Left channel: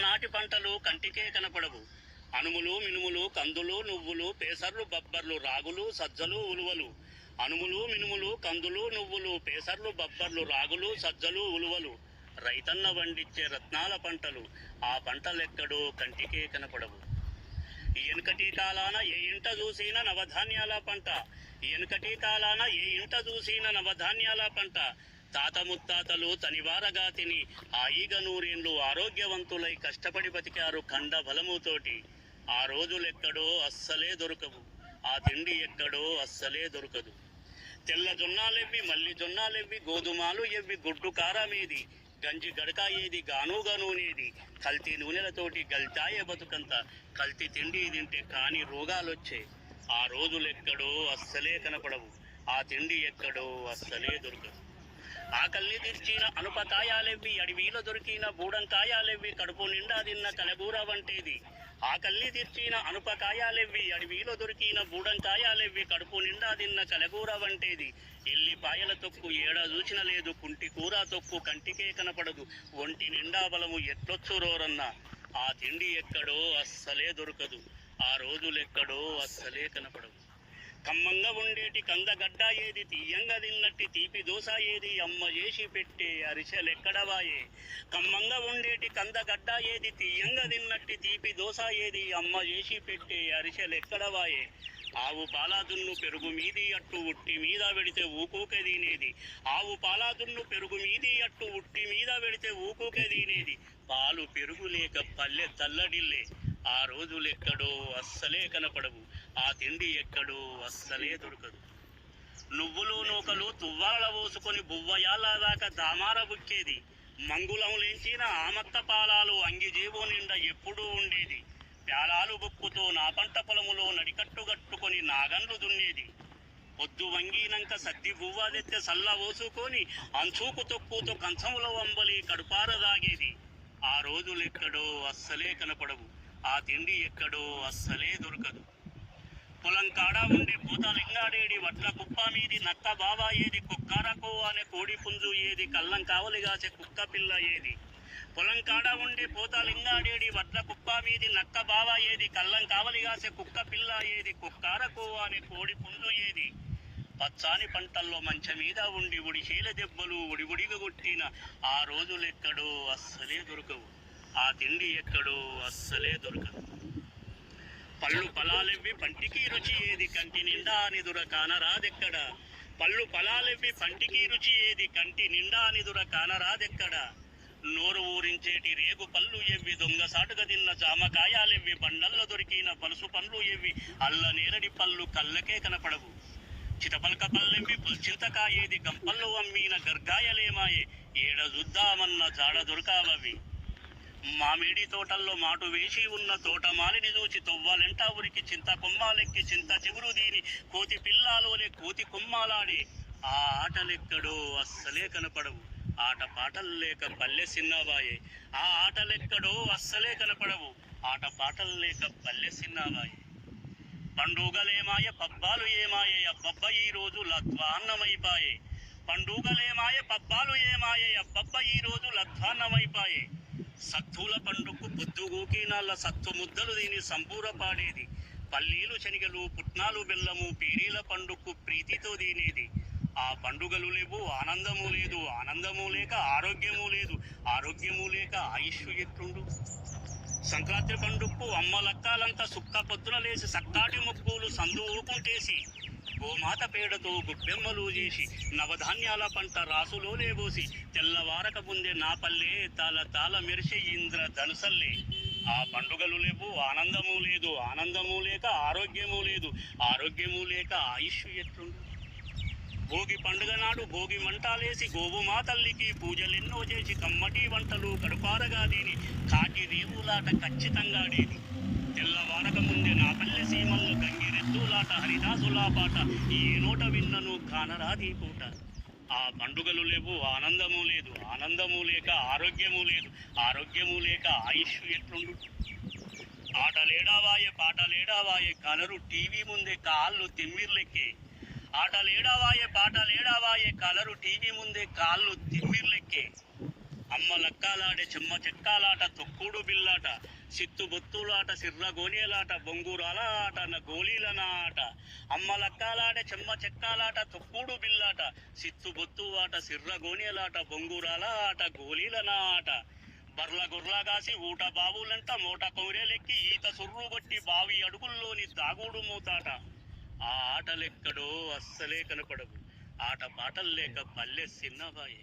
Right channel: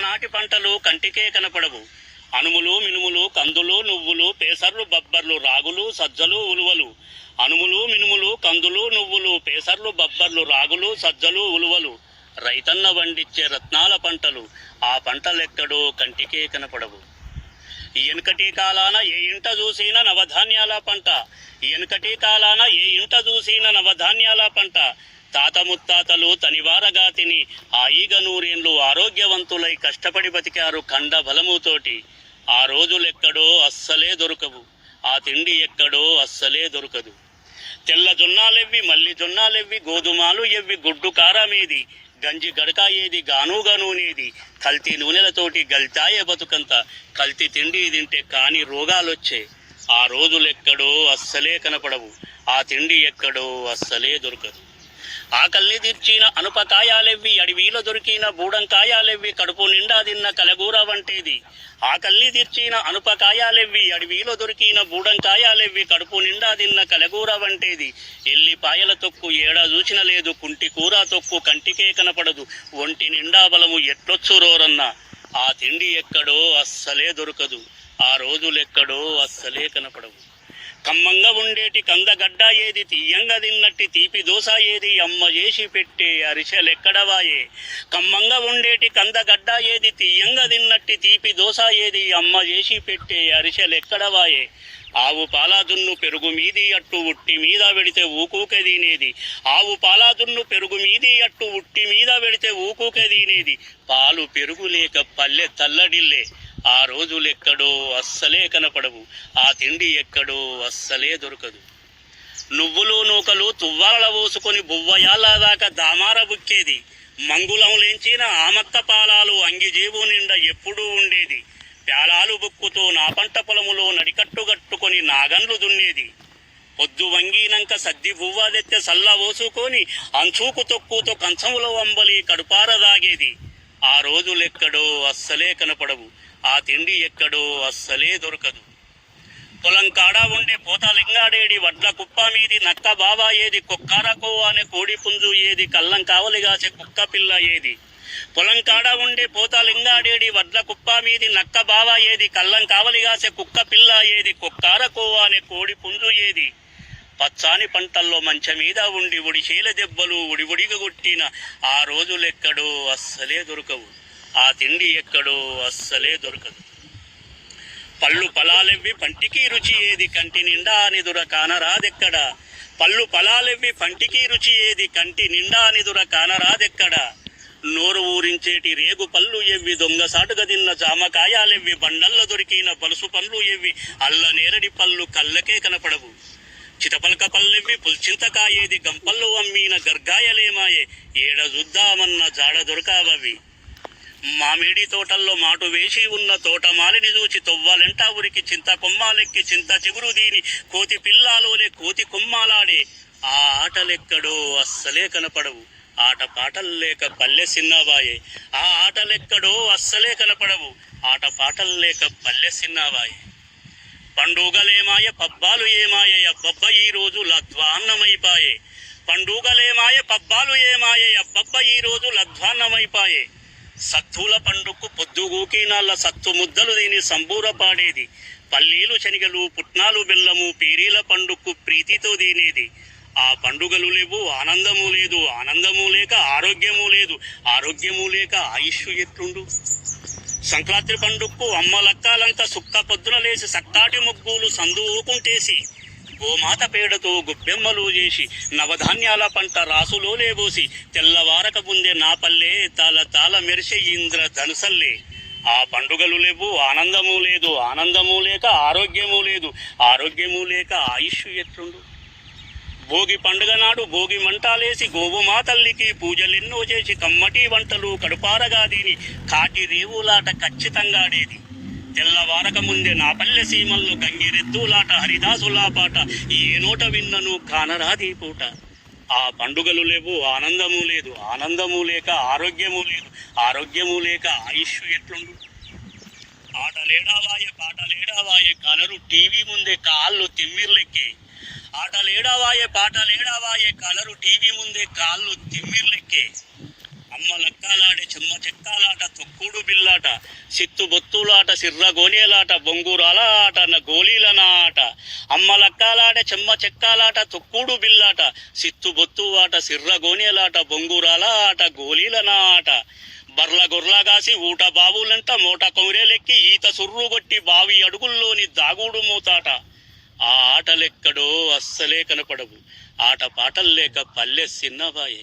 నాటి పంటలు కంటికే కనపడవు. అనుములు మినుములు కందులు నువ్వులు పేసర్లు బబ్బర్లు రాగులు సజ్జలు ఉలువలు. అనుములు మినుములు కందులు నువ్వులు పేసర్లు బబ్బర్లు రాగులు సజ్జలు ఉలువలు. రైతన్న వండిచ్చే రత్నాల పంటలు. ఆ పంటలెక్కడో కంటికే కనపడవు. ఎనకటి కాలాన ఏ ఇంట చూసిన నవధాన్యాల పంట. ఎనకటి కాలాన ఏ ఇంట చూసిన నవధాన్యాల పంట. తాత ముత్తాతలు తనివారగా తిని హాయిగా నూరేండ్లు ఆరోగ్యవంతులై కష్టపడి బతికారు కండ బలముతోటి. ఆ రోజులెక్కడో అస్సలే దొరకవు. ఆ తిండి ఎక్కడో అస్సలే దొరకదు. తెల్ల జొన్నాలెవ్వి మల్లి జొన్నాలెవ్వి గోధుమాలు ఎవ్వి గుడ్డు కారమేది గంజి గడక ఏది గానుగా నూనెది. కల్తీ నూనెలతోటి గల్తాయే బతుకంత. కల్తీ తిండి తింటే కాని రోగాలొచ్చే. ఆ రోజులెక్కడో అస్సలే కనపడవు. ఆ తిండి ఎక్కడో అస్సలే దొరకదు. ఆకల్ని తీర్చిన అనుపకాయాలెవ్వి అడవిలో దొరికిన బూడంకాయాలెవ్వి కడుపు నిండా తిన్న కలగూర వంటేది. ఆకల్ని తీర్చిన అనుపకాయాలెవ్వి అడవిలో దొరికిన బూడంకాయాలెవ్వి కడుపు నిండా తిన్న కలగూర వంటేది. ఎల్లిపాయల తొక్కు ఏడా చూచిన లేదు. కుంటి కూర తొక్కు కంటికే కనపడదు. ఒంటి నిండా బలము ఎట్లొచ్చురోరన్నా. ఆ తిండి ఎక్కడో అస్సలే దొరకదు. ఆ రోజులెక్కడో అస్సలే కనపడవు. కమ్మంగా ఉండేటి కందగడ్డ ఏది తీయంగా తిన్నట్టి తీపి దోశ ఏది అమ్మ చేసి పెట్టే అరిసెలెక్కడవాయే. కమ్మంగా ఉండేటి కందగడ్డ ఏది తీయంగా తిన్నట్టి తీపి దోశ ఏది అమ్మ చేసి పెట్టే అరిసెలెక్కడవాయే. ఆవు పాలాదున్ను పెరుగు మీది అట్టు ఉట్టి మీద పెడితే ఊకూకే తినేది. ఆవు పాలాదున్ను పెరుగు మీది అట్టు ఉట్టి మీద పెడితే ఊకూకే తినేది. పాలు పెరుగు లేక పల్లె తల్లడిల్లే. ఆ రోజులెక్కడో అస్సలే కనపడవు. ఆ తిండి ఎక్కడో అస్సలే దొరకదు. నువ్వులు నూకలు తువ్వాల పోసుకొని బువ్వయాలదాకా దామార బుక్కేది. మంగుళం లేంచిన ఆమక్క పాలాలు అంగిజేబు నిండా ఎప్పుడూ ఉండేది. ప్యాలాలు బుక్కుతో నా పంట పొలములో నడికట్టుగట్టుకొని నాగన్లు దున్నేది. పొద్దు వంగినంక సద్ది బువ్వ తెచ్చే సల్ల పోసుకొని అంచూకు తొక్కుతో కంచములో వంబలి కడుపార దాగేది. ఆ రోజులెక్కడో అస్సలే కనపడవు. ఆ తిండి ఎక్కడో అస్సలే దొరకదు. పొలం కాడా ఉండే పోతలింగాడేడి వడ్ల కుప్ప మీది నక్క బావా ఏది కొక్కారకో అనే కోడి పుంజు ఏది కళ్ళం కావలిగాసే కుక్క పిల్ల ఏది. పొలం కాడా ఉండే పోతలింగాడేడి వడ్ల కుప్ప మీది నక్క బావా ఏది కళ్ళం కావలిగాసే కుక్క పిల్ల ఏది కొక్కారకో అనే కోడి పుంజు ఏది. పచ్చాని పంటల్లో మంచ మీద ఉండి ఉడిచేల దెబ్బలు ఉడివుడిగా కొట్టిన ఆ రోజులెక్కడో అస్సలే దొరకవు. ఆ తిండి ఎక్కడో అస్సలే దొరకదు. పళ్ళు ఫలాలెవ్వి పంటికి రుచి ఏది కంటి నిండా నిదుర కానరాదెక్కడ. పళ్ళు ఫలాలెవ్వి పంటికి రుచి ఏది కంటి నిండా నిదుర కానరాదెక్కడ. నోరు ఊరించేటి రేగు పళ్ళు ఎవ్వి దొంగసాటుగా తిన్న జామకాయాలెవ్వి బండల్లో దొరికిన పలుసు పండ్లు ఎవ్వి అల్ల నేరడి పళ్ళు కళ్ళకే కనపడవు. చితపలక పల్లెవ్వి పుల్చింతకాయేది గంపల్లో అమ్మిన గర్గాయలేమాయే. ఏడ చూద్దామన్న జాడ దొరకావవి. మామిడి తోటల్లో మాటు వేసి ఉన్న తోటమాలిని చూచి తొవ్వలెంట ఉరికి చింత కొమ్మాలెక్కి చింత చిగురు దీని కోతి పిల్లాలోనే కోతి కొమ్మాలాడే. ఆ ఆటలెక్కడో అస్సలే కనపడవు. ఆట పాటల్లేక పల్లె సిన్నవాయే. ఆ ఆటలెక్కడో అస్సలే కనపడవు. ఆట పాటల్లేక పల్లె సిన్నవాయే. పండుగలేమాయ పబ్బాలు ఏమాయ అబ్బబ్బ ఈ రోజు లధ్వాన్నమైపాయే. పండుగలేమాయ పబ్బాలు ఏమాయ అబ్బబ్బ ఈ రోజు లధ్వాన్నమైపాయే. సత్తుల పండుగకు పొద్దుగూకినాళ్ళ సత్తు ముద్దలు దీని సంబూర పాడేది. పల్లీలు శనిగలు పుట్నాలు బెల్లము పీరీల పండుగకు ప్రీతితో దీనేది. ఆ పండుగలు లేవు ఆనందము లేదు. ఆనందము లేక ఆరోగ్యము లేదు. ఆరోగ్యము లేక ఆయుష్ ఎట్లుండు. సంక్రాంతి పండుగకు అమ్మలక్కాలంతా సుక్క పొద్దున లేసి సక్కాటి ముగ్గులు సందు ఊకుంటేసి గోమాత పేడతో గొబ్బెమ్మలు చేసి నవధాన్యాల పంట రాసులో లేబోసి తెల్లవారక ముందే నా పల్లె తాల తాల మెరిసే ఇంద్ర ధనుసల్లే. ఆ పండుగలు లేవు ఆనందము లేదు. ఆనందము లేక ఆరోగ్యము లేదు. ఆరోగ్యము లేక ఆయుష్ ఎట్లుండు. భోగి పండుగ నాడు భోగి మంటాలేసి గోవుమా తల్లికి పూజలెన్నో చేసి కమ్మటి వంటలు కడుపారగా దీని కాటి రేవులాట ఖచ్చితంగాడేది. తెల్లవారక ముందే నా పల్లె సీమల్లో గంగిరెద్దులాట హరిదాసులా పాట ఏ నోట విన్నను కానరాది పూట. ఆ పండుగలు లేవు ఆనందము లేదు. ఆనందము లేక ఆరోగ్యము లేదు. ఆరోగ్యము లేక ఆయుష్ ఎట్లుండు. ఆటలేడావాయే పాటలేడావాయే కలరు టీవీ ముందే కాళ్ళు తిమ్మిర్లెక్కే. ఆటలేడావాయే పాటలేడావాయే కలరు టీవీ ముందే కాళ్ళు తిమ్మిర్లెక్కే. అమ్మ లక్కాలాడే చెమ్మ చెక్కాలాట తొక్కుడు బిల్లాట సిత్తు బొత్తులాట సిర్ర గోనేలాట బొంగురాల ఆట గోళీలన ఆట అమ్మ లక్కాలాడే చెమ్మ చెక్కాలాట తొక్కుడు బిల్లాట సిత్తు బొత్తు ఆట సిర్ర గోనేలాట బొంగురాల ఆట గోళీలన ఆట బర్ల గొర్లగాసి ఊట బావులంట మోట కొమిరేలెక్కి ఈత సుర్రు కొట్టి బావి అడుగుల్లోని దాగుడు మూతాట ఆ ఆటలెక్కడో అస్సలే కనపడవు ఆట పాటల్లేక పల్లె సిన్నబాయే.